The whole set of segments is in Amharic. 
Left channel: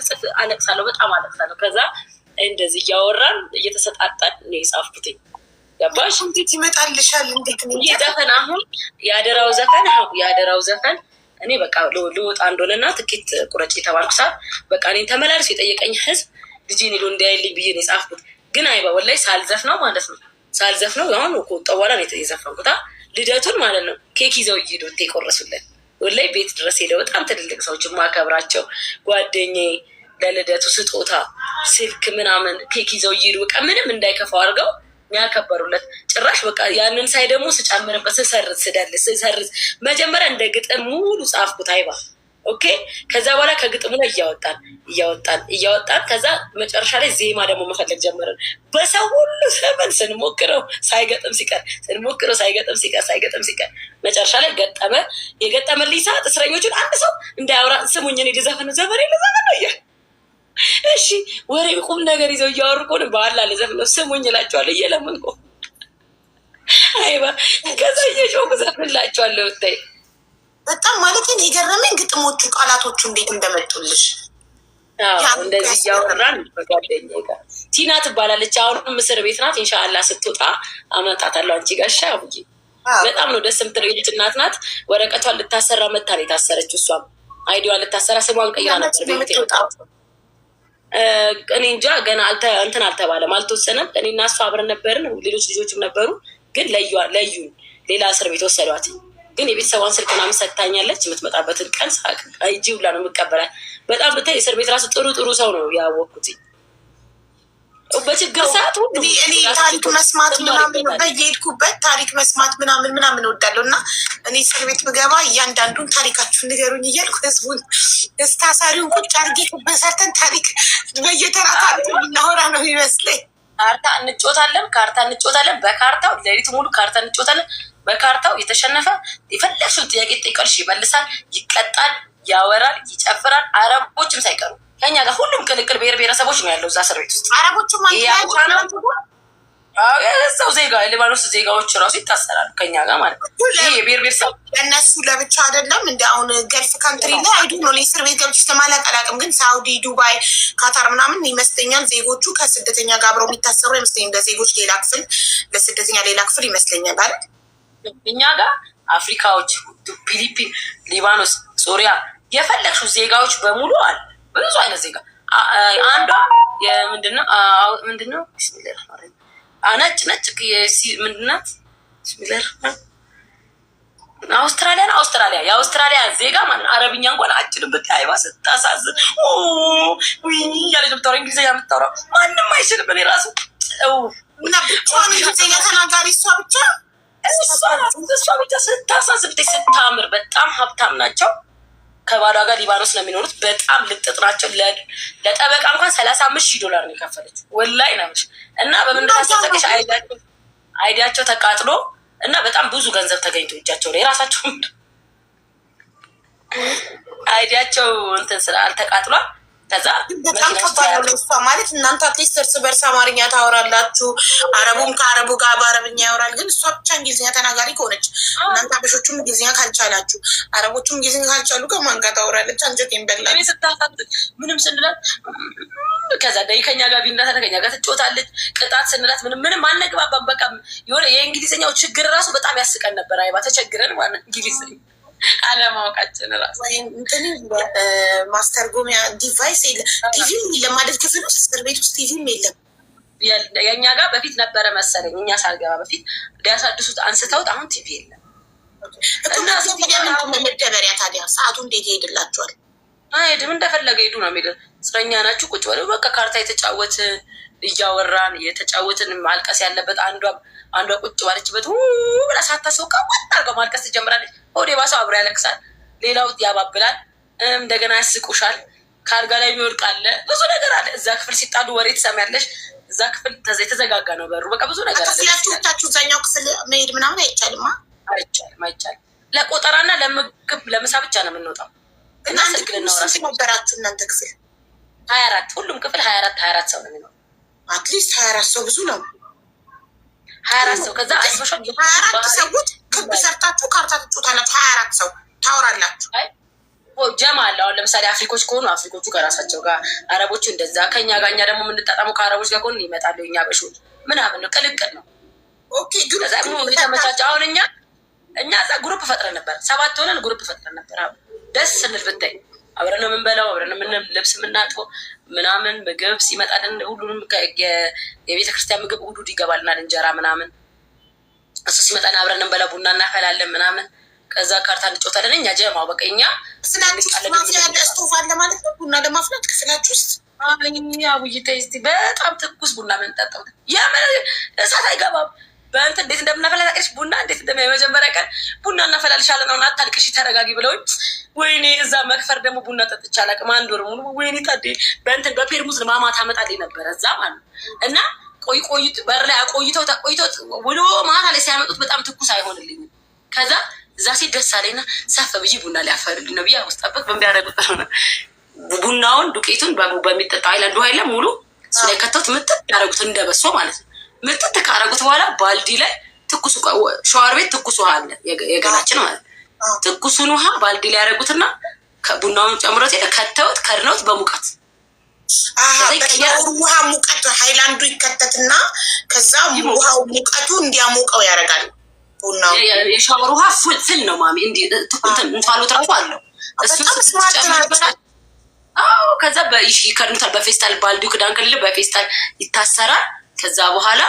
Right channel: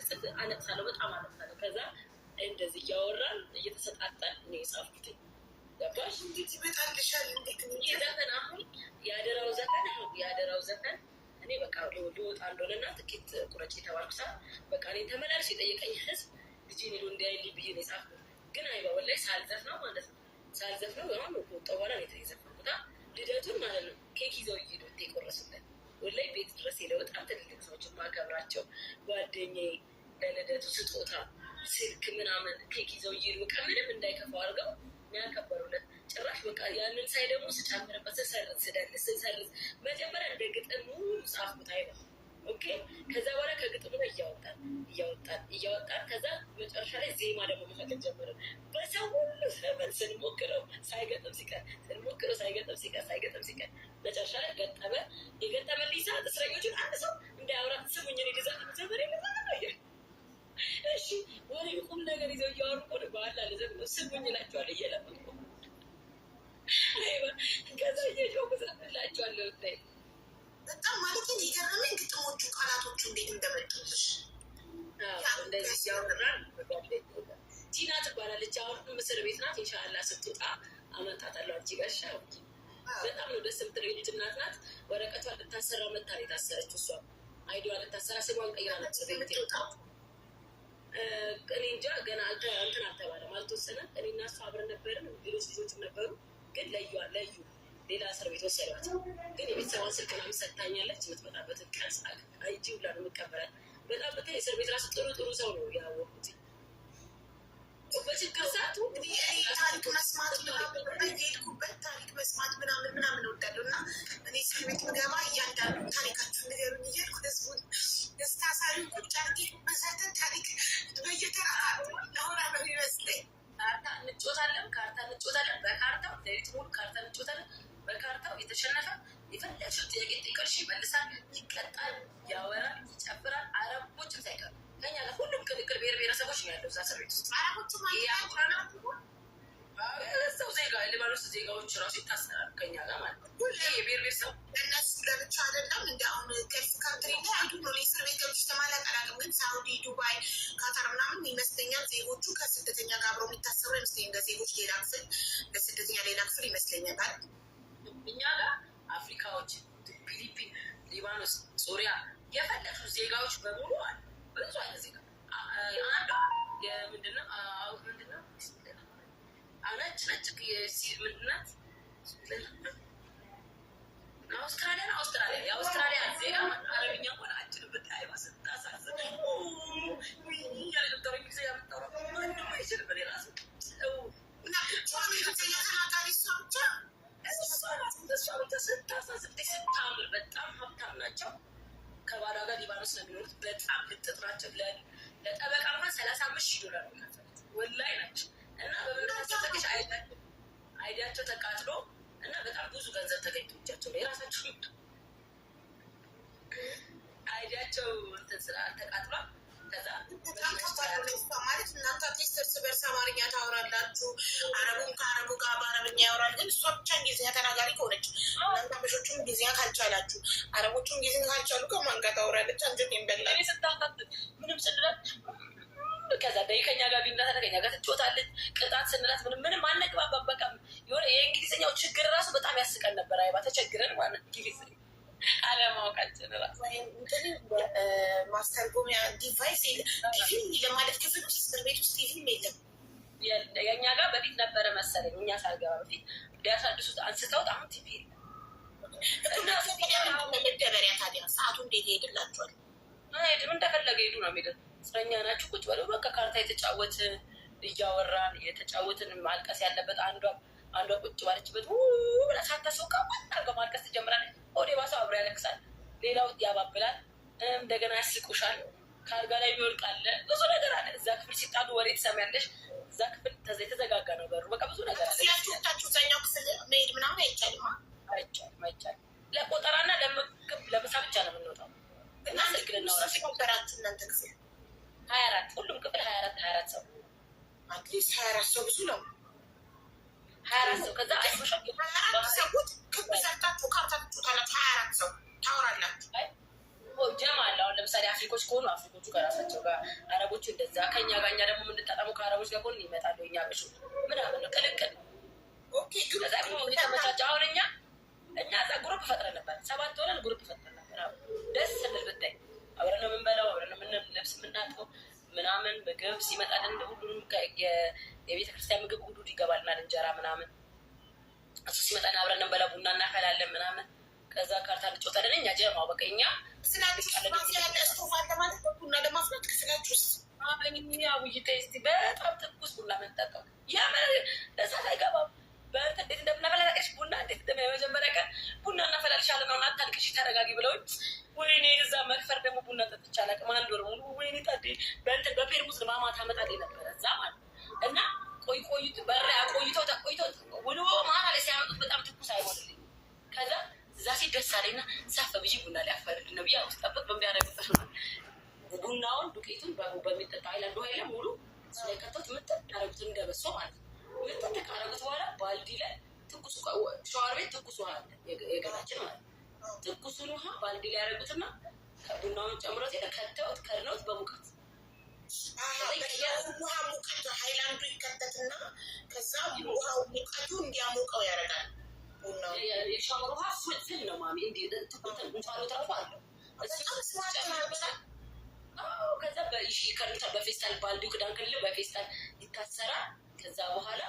ጽፍ አለቅሳለሁ፣ በጣም አለቅሳለሁ። ከዛ እንደዚህ እያወራን እየተሰጣጣን ነው የጻፍኩትኝ። ገባሽ? እንዴት ይመጣልሻል? እንዴት ዘፈን አሁን የአደራው ዘፈን እኔ በቃ ልወጣ እንደሆነና ትኬት ቁረጭ የተባልኩ ሰዓት በቃ እኔን ተመላልሶ የጠየቀኝ ህዝብ ልጄን ሄዶ እንዲያይልኝ ብዬ ነው የጻፍኩት። ግን አይባ ወላሂ ሳልዘፍነው ማለት ነው አሁን ከወጣ በኋላ ነው የዘፈንኩት። ልደቱን ማለት ነው ኬክ ይዘው እየሄዱ የቆረሱለን ወላሂ ቤት ድረስ ሄደው በጣም ትልልቅ ሰዎች የማከብራቸው ጓደኛዬ ለልደቱ ስጦታ ስልክ ምናምን ኬክ ይዘው እየሄዱ በቃ ምንም እንዳይከፋው አድርገው ያከበሩለት። ጭራሽ በቃ ያንን ሳይ ደግሞ ስጨምርበት ስሰርዝ መጀመሪያ እንደ ግጥም ሙሉ ጻፍኩት አይባ ኦኬ። ከዛ በኋላ ከግጥሙ ላይ እያወጣን ከዛ መጨረሻ ላይ ዜማ ደግሞ መፈለግ ጀመረን። በሰው ሁሉ ዘመን ስንሞክረው ሳይገጥም ሲቀር መጨረሻ ላይ ገጠመ። የገጠመልኝ ሰዓት እስረኞቹን አንድ ሰው እንዳያወራ ስሙኝ፣ እኔ ልዘፍን ዘፈን ነው እሺ ወሬ ቁም ነገር ይዘው እያወሩ ከሆነ በኋላ ልዘፍነው ስሙኝ እላቸዋለሁ እየለመንኩ አይባ። ከዛ እየጮኩ ዘፍንላቸዋለሁ። ብታይ በጣም ማለት የገረመኝ ግጥሞቹ ቃላቶቹ እንዴት እንደመጡልሽ። እንደዚህ እያወራን በጓደኛዬ ጋር ቲና ትባላለች፣ አሁንም እስር ቤት ናት። ኢንሻላህ ስትወጣ አመጣታለሁ አንቺ ጋር ሻ ብዬ። በጣም ነው ደስ የምትለው ልጅ እናት ናት። ወረቀቷን ልታሰራ መታ ነው የታሰረችው። እሷም አይዲዋን ልታሰራ ስሟን ቀይራ ነበር ቤት ወጣ። እኔ እንጃ ገና እንትን አልተባለም፣ አልተወሰነም። እኔና እሷ አብረን ነበርን፣ ሌሎች ልጆችም ነበሩ። ግን ለዩን ሌላ እስር ቤት ወሰዷት። ግን የቤተሰቧን ስልክ ምናምን ሰጥታኛለች። የምትመጣበትን ቀን እጅ ሁላ ነው የምቀበላት። በጣም ብታይ እስር ቤት ራሱ ጥሩ ሰው ነው ያወቅኩት። በችግር ሰዓት እኔ ታሪክ መስማት ምናምን በየሄድኩበት ታሪክ መስማት ምናምን እወዳለሁ። እና እኔ እስር ቤት ብገባ እያንዳንዱን ታሪካችሁን ንገሩኝ እያልኩ ህዝቡን እስታሳሪውን ቁጭ አድርጌ በሰርተን ታሪክ በየተራ ታሪክ እናወራ ነው ይመስለኝ። ካርታ እንጮታለን። በካርታው ሌሊቱ ሙሉ ካርታ እንጮታለን። በካርታው የተሸነፈ የፈለግሽውን ጥያቄ ጠይቀልሽ ይመልሳል፣ ይቀጣል፣ ያወራል፣ ይጨፍራል። አረቦችም ሳይቀሩ ከኛ ጋር ሁሉም ቅልቅል ብሔር ብሔረሰቦች ነው ያለው እዛ እስር ቤት ውስጥ። አረቦችም እዛው ዜጋ ሊባኖስ ዜጋዎች ራሱ ይታሰራሉ ከኛ ጋር ማለት ነው። ይሄ የብሔር ብሔረሰብ እነሱ ለብቻ አይደለም። እንደ አሁን ገልፍ ካንትሪ ላይ አይዱ ነው እስር ቤት ገብች ተማላቀላቅም። ግን ሳውዲ፣ ዱባይ፣ ካታር ምናምን ይመስለኛል ዜጎቹ ከስደተኛ ጋር አብረው የሚታሰሩ ይመስለኛል። ለዜጎች ሌላ ክፍል፣ ለስደተኛ ሌላ ክፍል ይመስለኛል አይደል? እኛ ጋር አፍሪካዎች፣ ፊሊፒን፣ ሊባኖስ፣ ሶሪያ የፈለግሽው ዜጋዎች በሙሉ አለ። ብዙ አይነት ዜጋ አንዷ ምንድነው ቢስሚላህ ነጭ ምንድናት ቢስሚላህ አውስትራሊያ የአውስትራሊያ ዜጋ ማለት አረብኛ እንኳን አችልም። ብታይ አይባ ስታሳዝን ያለ ዶክተር እንግሊዝኛ የምታወራው ማንም አይችልም። እኔ ራሱ እና ብቻዋን እንግሊዝኛ ተናጋሪ እሷ ብቻ ስታሳዝን ስታምር። በጣም ሀብታም ናቸው። ከባሏ ጋር ሊባኖስ ነው የሚኖሩት። በጣም ልጥጥ ናቸው። ለጠበቃ እንኳን $35,000 ነው የከፈለች። ወላሂ ነች። እና በምንዳሰጠቀሽ አይዲያቸው ተቃጥሎ እና በጣም ብዙ ገንዘብ ተገኝቶ እጃቸው ላይ የራሳቸው አይዲያቸው እንትን ስላልተቃጥሏል። ከዛ በጣም ከባድ ነው ለእሷ ማለት እናንተ አትሊስት እርስ በርስ አማርኛ ታወራላችሁ፣ አረቡም ከአረቡ ጋር በአረብኛ ያወራል። ግን እሷ ብቻ እንግሊዝኛ ተናጋሪ ከሆነች እናንተ አበሾቹም እንግሊዝኛ ካልቻላችሁ፣ አረቦቹም እንግሊዝኛ ካልቻሉ ከማን ጋር ታወራለች? አንጀቴን በላች። ስታሳት ምንም ስንላት ከዛ ከኛ ጋር ቢናታ ከኛ ጋር ትጮታለች። ቅጣት ስንላት ምንም አነግባባም። በቃ የሆነ የእንግሊዝኛው ችግር ራሱ በጣም ያስቀን ነበር። አይባ ተቸግረን ማለት እንግሊዝኛ አለማወቃችን ራሱ ማስተርጎሚያ ዲቫይስ የለም። ቲቪም የለም ማለት ክፍል ውስጥ እስር ቤት ውስጥ ቲቪም የለም። የእኛ ጋር በፊት ነበረ መሰለኝ፣ እኛ ሳልገባ በፊት ሊያሳድሱት አንስተውት፣ አሁን ቲቪ የለም። መደበሪያ ታዲያ ሰዓቱ እንዴት ይሄድላቸዋል? አይሄድም፣ እንደፈለገ ሄዱ ነው የሚለው። እስረኛ ናችሁ ቁጭ በለው በቃ ካርታ የተጫወትን እያወራን የተጫወትን ማልቀስ ያለበት አንዷ ቁጭ ባለችበት ብላ ሳታስበው ቀወጥ አድርገው ማልቀስ ትጀምራለች። ወደ ባሰው አብሮ ያለቅሳል፣ ሌላው ያባብላል፣ እንደገና ያስቁሻል። ከአልጋ ላይ የሚወድቅ አለ፣ ብዙ ነገር አለ። እዛ ክፍል ሲጣሉ ወሬ ትሰሚያለሽ። እዛ ክፍል የተዘጋጋ ነው በሩ። በቃ ብዙ ነገር አለ። ክፍላችሁ እዛኛው ክፍል መሄድ ምናምን አይቻልም። አይቻልም። ለቆጠራና ለምግብ ለምሳ ብቻ ነው የምንወጣው። እና ስልክ ልናወራ ነበራችሁ እናንተ ክፍል 24 ሁሉም ክፍል 24 ሰው ነው የሚኖረው። አትሊስት 24 ሰው ብዙ ነው። 24 ሰው ከዛ 24 ሰዎች ክብ ሰርታችሁ ካርታ ትጮታላችሁ። 24 ሰው ታወራላችሁ። ጀማ አለ። አሁን ለምሳሌ አፍሪኮች ከሆኑ አፍሪኮቹ ከራሳቸው ጋር፣ አረቦቹ እንደዛ ከኛ ጋር፣ እኛ ደግሞ የምንጣጣመው ከአረቦች ጋር ከሆኑ ይመጣሉ። እኛ በሾች ምናምን ነው፣ ቅልቅል ነው። ከዛ የተመቻቸ አሁን እኛ እዛ ግሩፕ ፈጥረን ነበር፣ 7 ሆነን ግሩፕ ፈጥረን ነበር። ደስ ስንል ብታይ አብረን ነው የምንበላው፣ አብረን ነው ልብስ የምናጥበው ምናምን። ምግብ ሲመጣልን ሁሉንም የቤተክርስቲያን ምግብ ውዱድ ይገባልናል፣ እንጀራ ምናምን። እሱ ሲመጣን አብረን እንበላ፣ ቡና እናፈላለን ምናምን። ከዛ ካርታ እንጫወታለን። እኛ ጀማው በቃ እኛ ስቶቭ አለ ማለት ነው። ቡና ለማፍላት ክፍላችሁ ውስጥ አቡይ ተይስቲ በጣም ትኩስ ቡና የምንጠጣው የምን እሳት አይገባም። በእንትን እንዴት እንደምናፈላ ታውቂያለሽ? ቡና እንዴት የመጀመሪያ ቀን ቡና እናፈላልሻለን ነው፣ አታልቅሽ ተረጋጊ ብለውኝ፣ ወይኔ እዛ መክፈር ደግሞ ቡና ጠጥቼ አላውቅም። 1 ወር ሙሉ ወይኔ ታዴ በእንትን በፔርሙዝ ማማ ታመጣልኝ ነበረ እዛ ማለት ነው። እና ቆይት በር ላይ አቆይተው ውሎ ማታ ላይ ሲያመጡት በጣም ትኩስ አይሆንልኝም። ከዛ እዛ ሴት ደስ አለኝና ሰፈ ብዬ ቡና ሊያፈርልኝ ነው ብዬ ውስጠበቅ በሚያደረጉት ቡናውን ዱቄቱን በሚጠጣ አይላንዱ ኃይለ ሙሉ እሱ ላይ ከተውት ምጥጥ ያደረጉት እንደበሶ ማለት ነው። ምጥጥ ካረጉት በኋላ ባልዲ ላይ ትኩስ ሸዋር ቤት ትኩስ ውሃ አለ የገላችን ማለት ትኩሱን ውሃ ባልዲ ላይ ያደረጉትና ቡናውን ጨምሮት ሄደ ከተውት ከድነውት በሙቀት ውሃ ሙቀት ሃይላንዱ ይከተትና ከዛ ውሃው ሙቀቱ እንዲያሞቀው ያደርጋል። የሻወር ውሃ ፍል ነው ማሚ እንፋሎት ራሱ አለው እሱ ጨምሮበታል። ከዛ ይከድኑታል በፌስታል ባልዲው ክዳን ክልል በፌስታል ይታሰራል። ከዛ በኋላ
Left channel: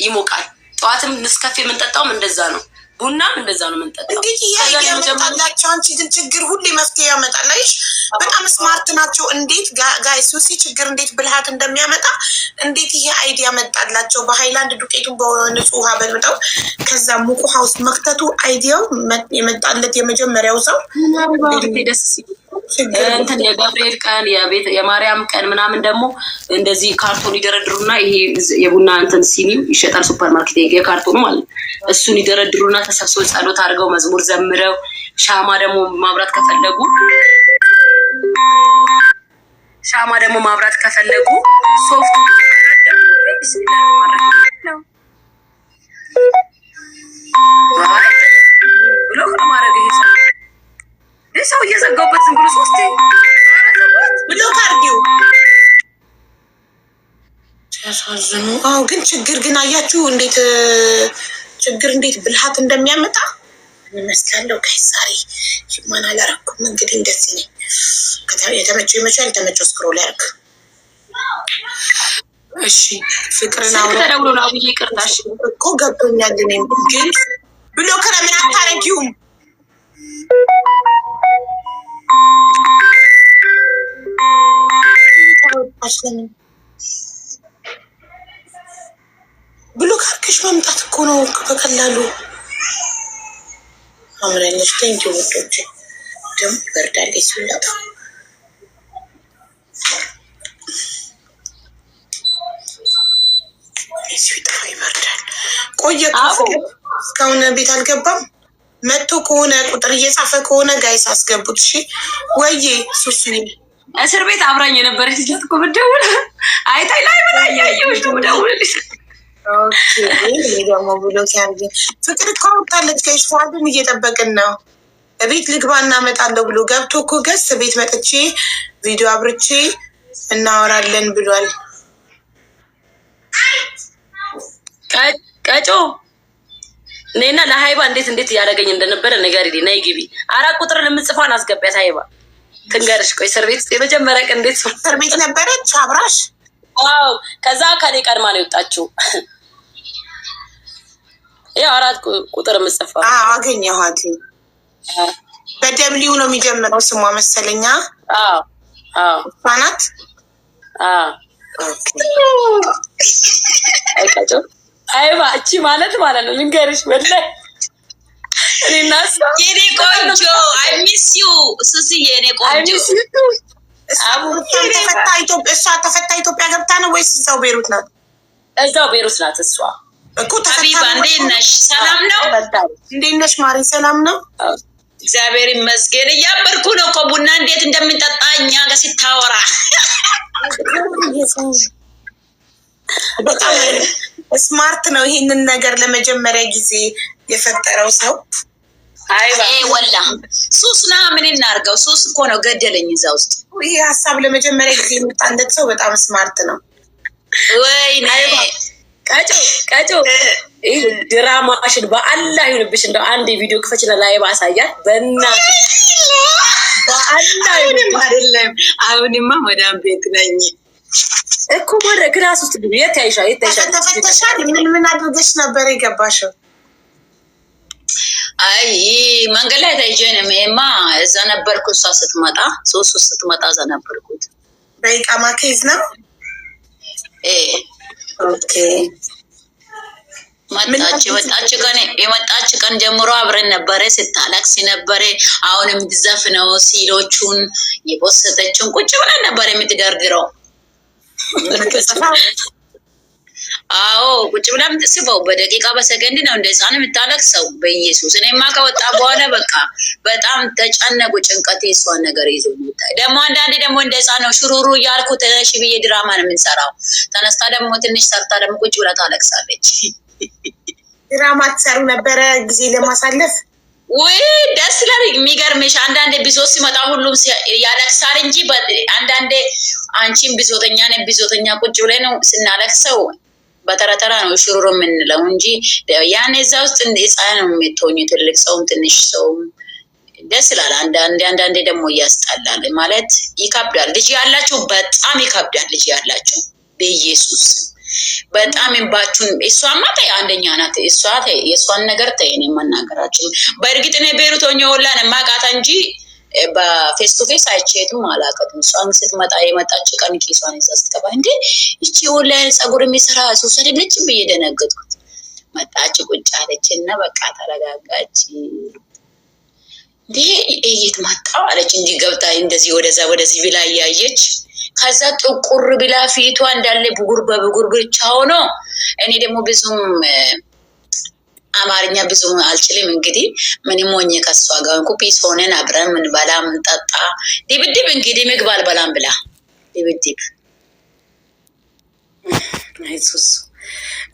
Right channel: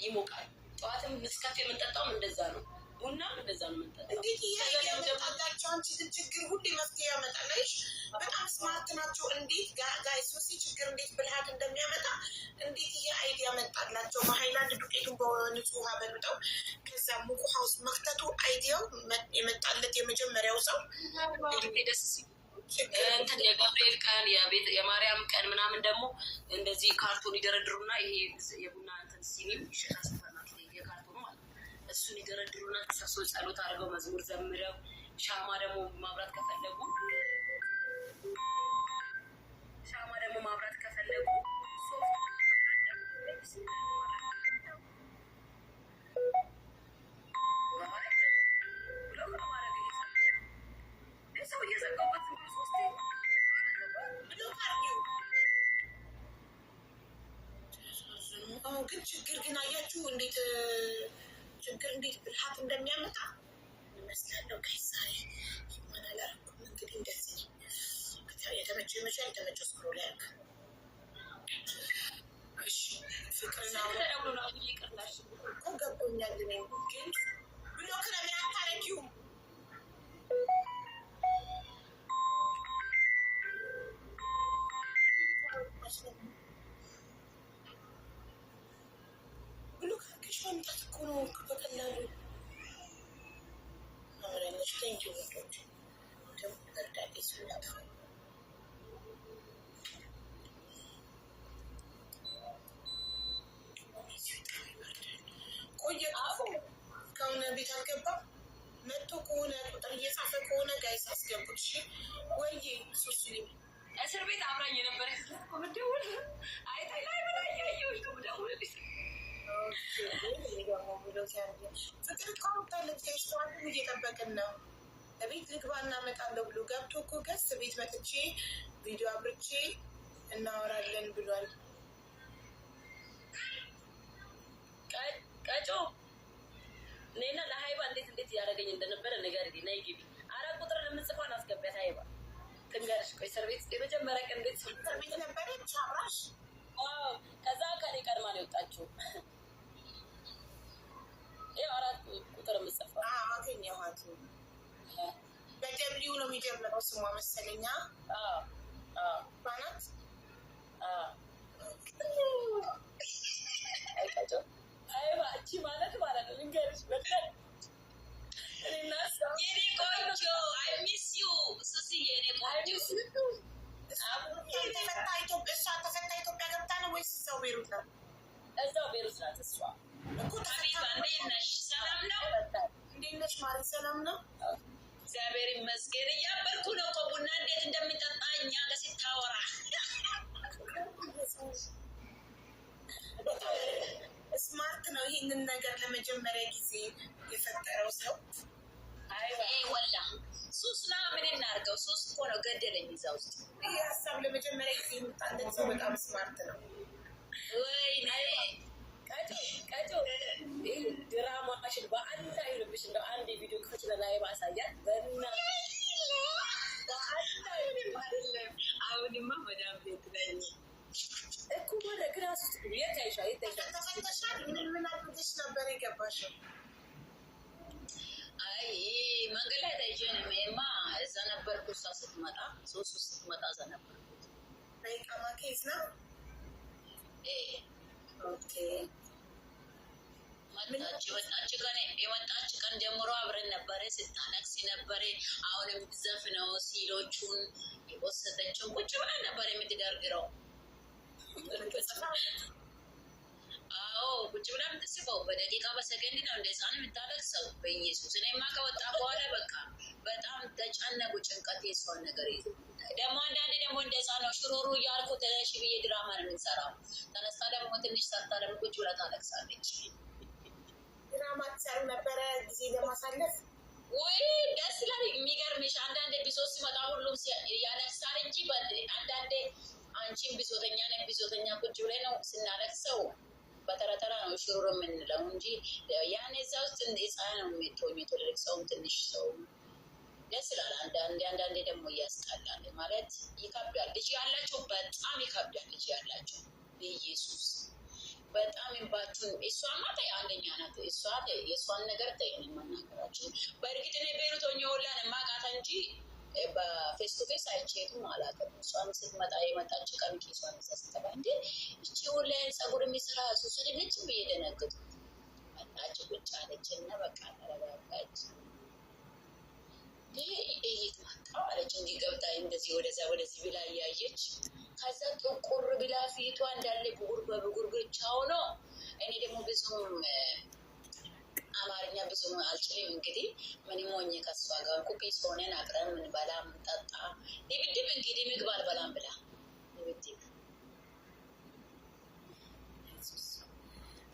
ይሞቃል። ጠዋትም ንስካፌ የምንጠጣውም እንደዛ ነው፣ ቡናም እንደዛ ነው የምንጠጣው። እንግዲህ ያመጣላቸው አንቺ ግን ችግር ሁሌ መፍትሄ ያመጣላይሽ። በጣም ስማርት ናቸው። እንዴት ጋይስ ሱሲ ችግር እንዴት ብልሃት እንደሚያመጣ እንዴት ይሄ አይዲያ መጣላቸው። በሃይላንድ ዱቄቱን በንጹህ ውሃ በልብጠው ከዛ ሙቅ ውሃ ውስጥ መክተቱ አይዲያው የመጣለት የመጀመሪያው ሰው ደስ ሲል እንትን የገብርኤል ቀን የማርያም ቀን ምናምን ደግሞ እንደዚህ ካርቶን ይደረድሩና ይሄ የቡና እንትን ሲኒው ይሸጣል ሱፐር ማርኬት የካርቶኑ ማለት እሱን ይደረድሩና ተሰብስበው ጸሎት አድርገው መዝሙር ዘምረው ሻማ ደግሞ ማብራት ከፈለጉ ሶፍት ብሎ ከማድረግ ይሄ ሰው እየዘጋውበት ዝም ብሎ 3 ብሎ ካርዲው ሲያሳዝኑ። ግን ችግር ግን አያችሁ እንዴት ችግር እንዴት ብልሃት እንደሚያመጣ ይመስላለሁ። ከዛሬ ማን አላረኩም እንግዲህ እንደዚህ ነኝ። የተመቸው ይመቻል፣ የተመቸው ስክሮል ያርግ። እሺ ፍቅርና ተደውሎ ነው አብዬ ይቅርታሽ እኮ ገብቶኛል። እኔም ግን ብሎ ከለምን አታረጊውም ብሎ ካርክሽ መምጣት እኮ ነው በቀላሉ። አምረኞች ቴንኪ ውዶች። ደግሞ ይበርዳል ሲላጣ ሲጠፋ ይበርዳል። ቆየ እስካሁን ቤት አልገባም። መጥቶ ከሆነ ቁጥር እየጻፈ ከሆነ ጋይስ አስገቡት። እሺ ወይዬ ሱሱ እስር ቤት አብራኝ የነበረች ልጅ እኮ ብትደውል አይታይ ላይ ብላኝ ያየሁሽ ብደውልልሽ ደግሞ ብሎ ሲያርግ ፍቅር እኮ ወጣለች። ከይሽ ፏድን እየጠበቅን ነው። ቤት ልግባ እናመጣለሁ ብሎ ገብቶ እኮ ገስ ቤት መጥቼ ቪዲዮ አብርቼ እናወራለን ብሏል። ቀጮ እኔና ለሀይባ እንዴት እያደረገኝ እንደነበረ ነገር ነይ ግቢ 4 ቁጥርን የምጽፏን አስገቢያት ሀይባ ትንገርሽ። ቆይ እስር ቤት ውስጥ የመጀመሪያ ቀን እንዴት እስር ቤት ነበረች አብራሽ? አዎ ከዛ ከኔ ቀድማ ነው የወጣችው። ያው 4 ቁጥር የምጽፋ አገኘኋት። በደብሊው ነው የሚጀምረው ስሟ መሰለኛ። ናት። ቀጮ አይባ እቺ ማለት ነው ልንገርሽ ወላሂ እኔና የኔ ቆንጆ አይሚስዩ ሱስዬ የኔ ቆንጆ እሷ ተፈታ ኢትዮጵያ ገብታ ነው ወይስ እዛው ቤሩት ናት? እዛው ቤሩት ናት እሷ እኮ ሀቢባ እንዴት ነሽ? ሰላም ነው? እንዴት ነሽ ማሪ? ሰላም ነው እግዚአብሔር ይመስገን። እያበርኩ ነው እኮ ቡና እንዴት እንደምንጠጣ እኛ ጋር ሲታወራ በጣም ስማርት ነው። ይህንን ነገር ለመጀመሪያ ጊዜ የፈጠረው ሰው ወላ ሱስና ምን እናርገው? ሱስ እኮ ነው ገደለኝ እዛ ውስጥ። ይሄ ሀሳብ ለመጀመሪያ ጊዜ የመጣለት ሰው በጣም ስማርት ነው። ወይኔ ቀጮ ድራማሽን በአላህ ይሁንብሽ። እንደው አንድ ቪዲዮ ክፈችና ላይቭ አሳያት በእናትሽ። በአላህ አይደለም አሁንማ መዳም ቤት ነኝ እኮ ወደ ክላስ ውስጥ ግቢ። የት ያይሻል? ተፈተሻል? ምን አድርገሽ ነበር የገባሽው? አይ መንገድ ላይ ታይጀንም ማ እዛ ነበርኩ። እሷ ስትመጣ ሶስት ስትመጣ እዛ ነበርኩት። በኢቃማ ኬዝ ነው። ኦኬ የመጣች ቀን ጀምሮ አብረን ነበረ። ስታለቅስ ነበረ። አሁን የምትዘፍነው ሲሎቹን የፖስተችውን ቁጭ ብለን ነበረ የምትደርድረው። አዎ ቁጭ ብላ የምትስበው በደቂቃ በሰከንድ ነው እንደ ህፃን የምታለቅሰው። በኢየሱስ እኔማ ከወጣ በኋላ በቃ በጣም ተጨነቁ። ጭንቀት የሷን ነገር ይዞ የሚታይ ደግሞ አንዳንዴ ደግሞ እንደ ህፃን ነው ሽሩሩ እያልኩ ተነሽ ብዬ ድራማ ነው የምንሰራው። ተነስታ ደግሞ ትንሽ ሰርታ ደግሞ ቁጭ ብላ ታለቅሳለች። ድራማ ትሰሩ ነበረ ጊዜ ለማሳለፍ? ውይ ደስ ይላል። የሚገርምሽ አንዳንዴ ቢዞት ሲመጣ ሁሉም ያለቅሳል እንጂ አንዳንዴ አንቺን ቢዞተኛ ነ ቢዞተኛ ቁጭ ብለ ነው ስናለቅሰው በተረተራ ነው ሽሩሮ የምንለው እንጂ ያን እዛ ውስጥ ህፃን ነው የምትሆኝ። ትልቅ ሰውም ትንሽ ሰውም ደስ ይላል። አንዳንዴ ደግሞ እያስጠላል ማለት ይከብዳል። ልጅ ያላቸው በጣም ይከብዳል። ልጅ ያላቸው በኢየሱስ በጣም እንባችሁን። እሷማ ተይ አንደኛ ናት። የእሷን ነገር ተይ። እኔ መናገራችን በእርግጥ እኔ ቤሩት ሆኜ ወላን ማቃታ እንጂ በፌስ ቱ ፌስ አይቼትም አላውቅም። እሷን ስትመጣ የመጣች ቀን ኪሷን ይዛ ስትገባ እንዴ ይቺ ኦንላይን ጸጉር የሚሰራ ሱስ አይደለችም ብዬ ደነገጥኩት። መጣች ቁጭ አለች እና በቃ ተረጋጋች። እንዴ እየት መጣው አለች እንጂ ገብታ እንደዚህ ወደዚህ ብላ እያየች ከዛ ጥቁር ብላ ፊቷ እንዳለ ብጉር በብጉር ብቻ ሆኖ እኔ ደግሞ ብዙም አማርኛ ብዙም አልችልም። እንግዲህ ምንም ሆኜ ከሷ ጋር ኩፒስ ሆነን አብረን ምን በላ ምን ጠጣ ድብድብ እንግዲህ ምግብ አልበላም ብላ ድብድብ አይሱስ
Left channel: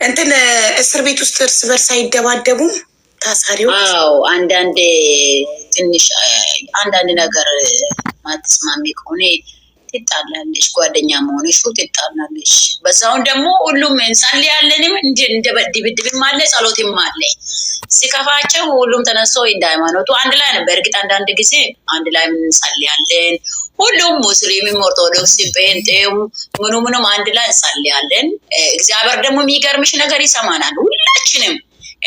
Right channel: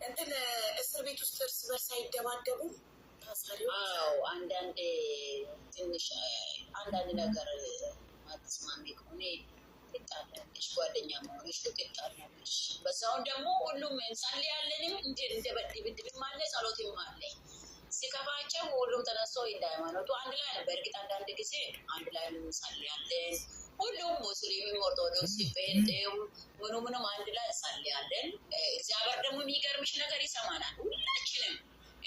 እንትን እስር ቤት ውስጥ እርስ በርስ አይደባደቡም ታሳሪው? አዎ አንዳንዴ ትንሽ አንዳንድ ነገር ማትስማሚ ከሆነ ትጣላለሽ። ጓደኛ መሆንሽ ትጣላለሽ። በዛውን ደግሞ ሁሉም እንጸልያለንም እንደ ድብድብም አለ ጸሎትም አለ። ሲከፋቸው ሁሉም ተነስተው እንደ ሃይማኖቱ አንድ ላይ ነበር። እርግጥ አንዳንድ ጊዜ አንድ ላይ እንጸልያለን። ሁሉም ሙስሊምም ኦርቶዶክስ ጴንጤም ምኑም አንድ ላይ እንጸልያለን። እግዚአብሔር ደግሞ የሚገርምሽ ነገር ይሰማናል ሁላችንም